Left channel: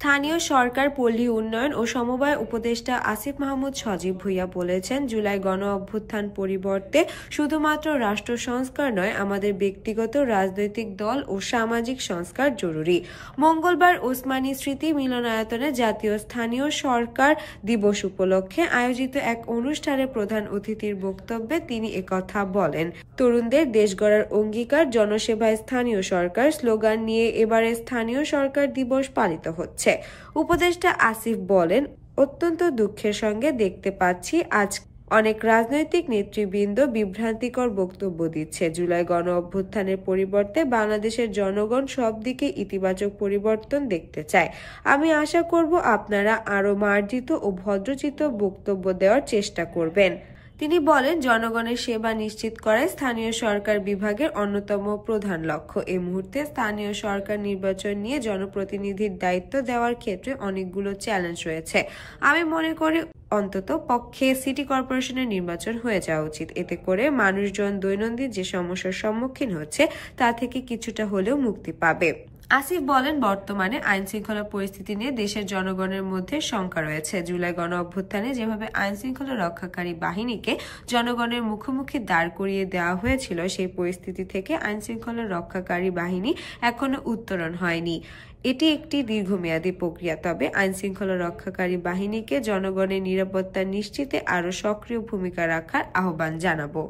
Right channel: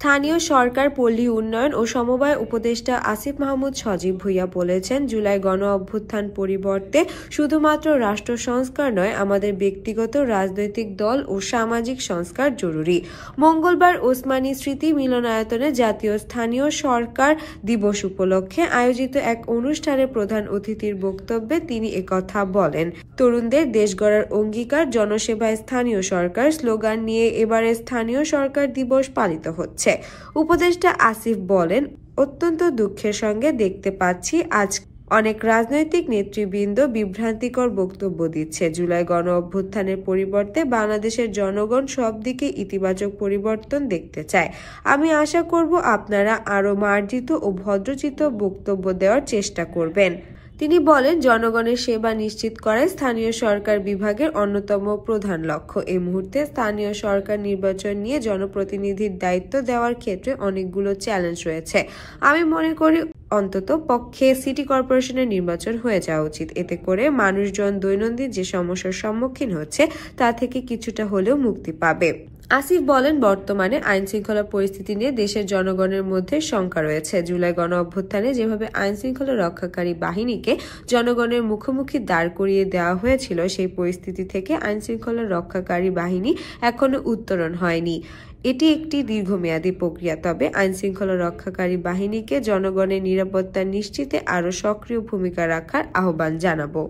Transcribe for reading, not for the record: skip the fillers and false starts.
স্থানীয় সরকার, পল্লী উন্নয়ন ও সমবায় উপদেষ্টা আসিফ মাহমুদ সজীব ভুঁইয়া বলেছেন, জুলাই গণ অভ্যুত্থান পরিবর্তে শুধুমাত্র রাষ্ট্র সংস্কার নয়, আমাদের ব্যক্তিগত রাজনৈতিক দল ও সামাজিক সংস্কার জরুরি। মঙ্গলবার ওসমানী স্মৃতি মিলনায়তনে জাতীয় স্থানীয় সরকার দিবস উপলক্ষে আয়োজিত এক অনুষ্ঠানে প্রধান অতিথির বক্তব্যে তিনি একথা বলেন। তরুণদের দেশ গড়ার অঙ্গীকার, জনসেবায় স্থানীয় সরকার স্লোগান নিয়ে এবারে স্থানীয় সরকার দিবস পালিত হচ্ছে। উপদেষ্টা আসিফ বলেন, অত্যন্ত দুঃখের সঙ্গে দেখতে পাচ্ছি আজ অনেক রাজনৈতিক নেতৃবৃন্দ বিভ্রান্তিকর বক্তব্য দিচ্ছে। জুলাই গণ অভ্যুত্থানের পরিবর্তে বাংলাদেশের জনগণ সব দিকে ইতিবাচক পরিবর্তন দেখতে চায়। আমি আশা করব আপনারা আরও মার্জিত ও ভদ্রচিত বক্তব্য দেওয়ার চেষ্টা করবেন। তিনি বলেন, জনগণের সেবা নিশ্চিত করাই স্থানীয় সরকার বিভাগের অন্যতম প্রধান লক্ষ্য। এই মুহূর্তে স্থানীয় সরকার নির্বাচন নিয়ে জনপ্রতিনিধির দায়িত্ব দেওয়ার ক্ষেত্রে অনেকগুলো চ্যালেঞ্জ রয়েছে। আমি মনে করি অন্তত পক্ষে সিটি কর্পোরেশনের নির্বাচন হয়ে যাওয়া উচিত। এতে করে মানুষজন দৈনন্দিন যে সমস্যার সম্মুখীন হচ্ছে তা থেকে কিছুটা হলেও মুক্তি পাবে। আসিফ বলেন, বর্তমানে আইন শৃঙ্খলা পরিস্থিতি নিয়ে দেশের জনগণের মধ্যে শঙ্কা রয়েছে। জুলাই গণ অভ্যুত্থানে যেভাবে আইন শৃঙ্খলা রক্ষাকারী বাহিনীকে জনগণের মুখোমুখি দাঁড় করিয়ে দেওয়া হয়েছিল, সেই পরিস্থিতি থেকে আইন শৃঙ্খলা রক্ষাকারী বাহিনী এখনো উত্তরণ হয়নি। এটি একটি দীর্ঘমেয়াদী প্রক্রিয়া। তবে আইন শৃঙ্খলা রক্ষাকারী বাহিনীকে জনগণের নিরাপত্তা নিশ্চিতে আরও সক্রিয় ভূমিকা রাখার আহ্বান জানাবো।